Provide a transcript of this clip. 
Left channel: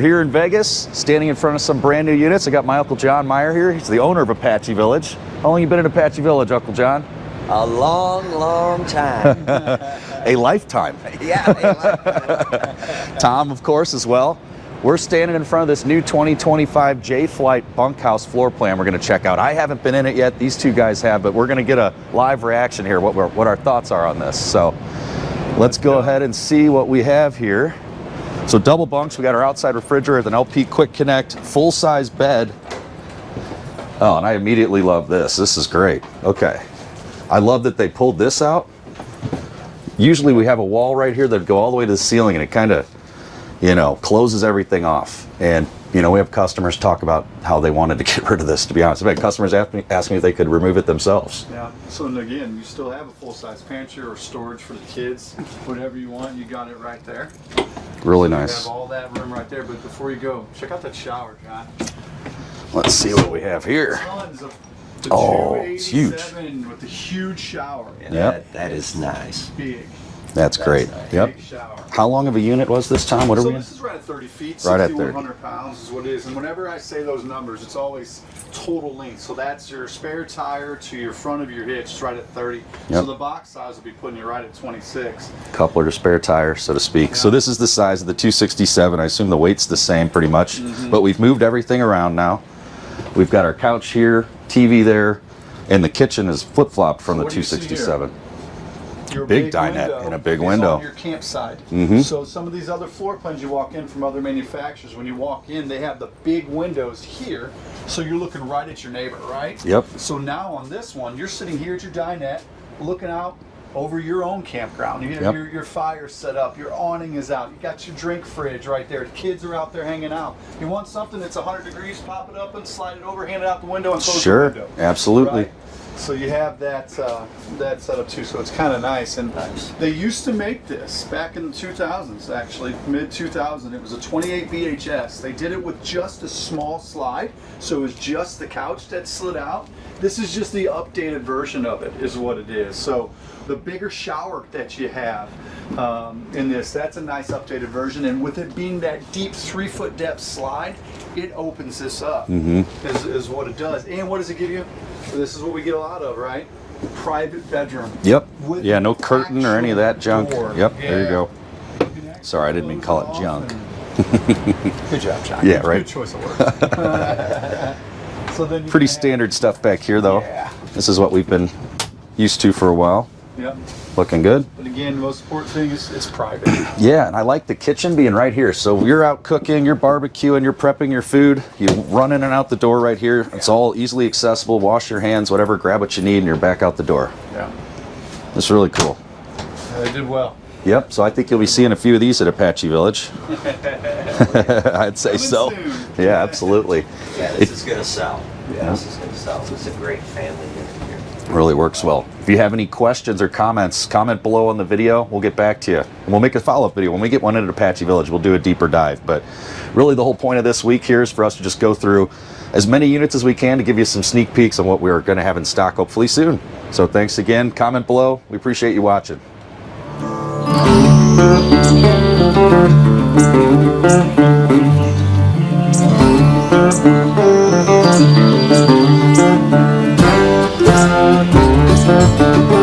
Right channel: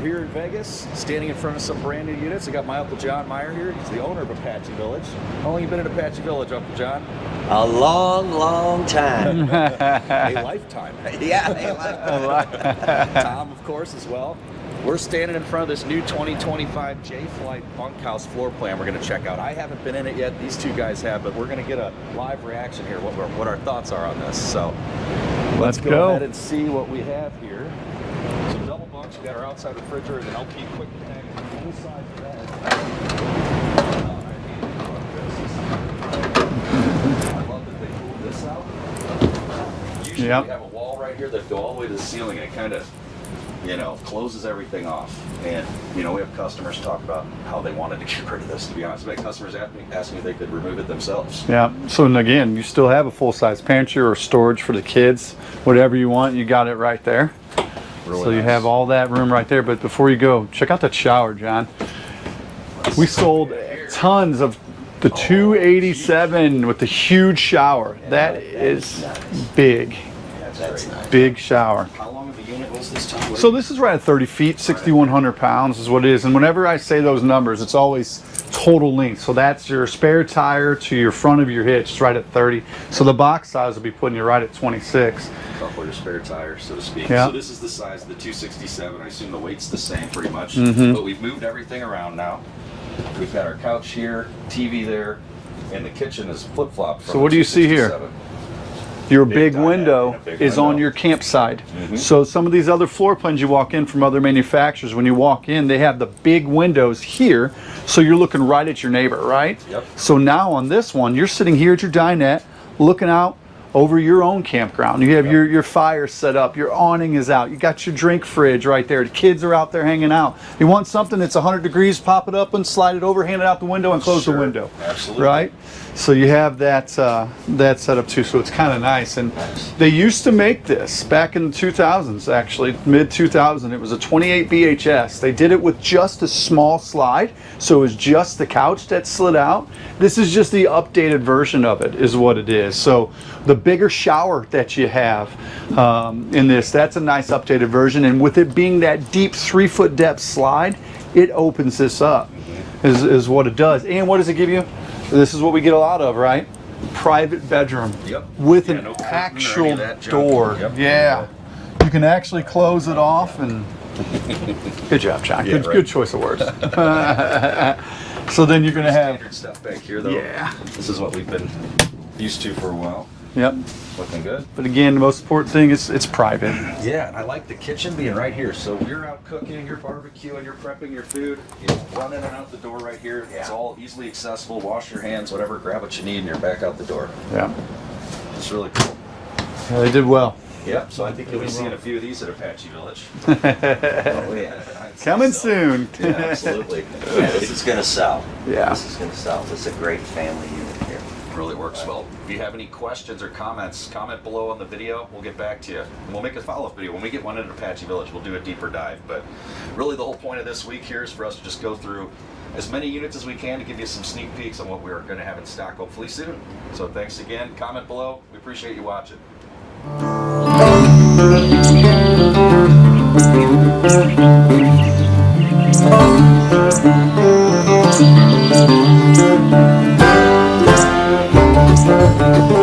We're here in Vegas, standing in front of some brand new units. I got my Uncle John Meyer here. He's the owner of Apache Village. How long you been in Apache Village, Uncle John? A long, long time. A lifetime. Yeah. Tom, of course, as well. We're standing in front of this new 2025 J-Flight bunkhouse floor plan we're going to check out. I haven't been in it yet. These two guys have, but we're going to get a live reaction here, what our thoughts are on this. So let's go ahead and see what we have here. So double bunks. We got our outside refrigerator, an LP Quick Connect, full-size bed. Oh, and I immediately love this. This is great. Okay. I love that they pulled this out. Usually we have a wall right here that go all the way to the ceiling, and it kind of, you know, closes everything off. And, you know, we have customers talk about how they wanted to get rid of this, to be honest. We had customers ask me if they could remove it themselves. Yeah, so and again, you still have a full-size pantry or storage for the kids. Whatever you want, you got it right there. Really nice. nice. You have all that room right there, but before you go, check out that shower, John. Let's We see what sold we have here. tons of the 287 with the huge shower. Yeah, that is nice. Big. That's great. nice. Big shower. How long of a unit was this, Tom? What are So we this is right at 30 feet, Right at 6,100 pounds is what it is. And whenever I say those numbers, it's always total length. So that's your spare tire to your front of your hitch, it's right at 30. So the box size will be putting you right at 26. coupler to spare tire, so to speak. Yeah. So this is the size of the 267. I assume the weight's the same pretty much, but we've moved everything around now. We've got our couch here, TV there, and the kitchen is flip-flopped from So the what do you see here? 267. Your Big big dinette window and a big is window. on your campsite. So some of these other floor plans you walk in from other manufacturers, when you walk in, they have the big windows here, so you're looking right at your neighbor, right? Yep. So now on this one, you're sitting here at your dinette, looking out over your own campground. You have Yep. your fire set up, your awning is out, you got your drink fridge right there, the kids are out there hanging out. You want something that's 100 degrees, pop it up and slide it over, hand it out the window and close the window. Absolutely. Right? So you have that that set up too, so it's kind of nice. And they used to make this back in the 2000s, actually, mid 2000. It was a 28 BHS. They did it with just a small slide, so it was just the couch that slid out. This is just the updated version of it, is what it is. So the bigger shower that you have in this, that's a nice updated version. And with it being that deep 3-foot depth slide, it opens this up, is what it does. And what does it give you? This is what we get a lot of, right? Private bedroom. Yep. With yeah, an no curtain or any of that actual junk. door. Yep. Yeah. There you go. You can actually Sorry, I didn't close it call it off. junk. And good job, John. Yeah, good, right. good choice of words. So then you Pretty standard stuff back here, though. Yeah. This is what we've been used to for a while. Yep. Looking good. But again, the most important thing is it's private. Yeah, and I like the kitchen being right here. So you're out cooking, you're barbecuing, you're prepping your food. You run in and out the door right here. It's all easily accessible. Wash your hands, whatever, grab what you need, and you're back out the door. Yeah. It's really cool. Yeah, they did well. Yep, so I think you'll be seeing a few of these at Apache Village. I'd say Coming so. soon. Yeah, absolutely. Yeah, this is gonna sell. Yeah. This is gonna sell. It's a great family unit here. Really works well. If you have any questions or comments, comment below on the video. We'll get back to you. And we'll make a follow-up video. When we get one in at Apache Village, we'll do a deeper dive. But really the whole point of this week here is for us to just go through as many units as we can to give you some sneak peeks on what we're going to have in stock hopefully soon. So thanks again. Comment below. We appreciate you watching. Thank you.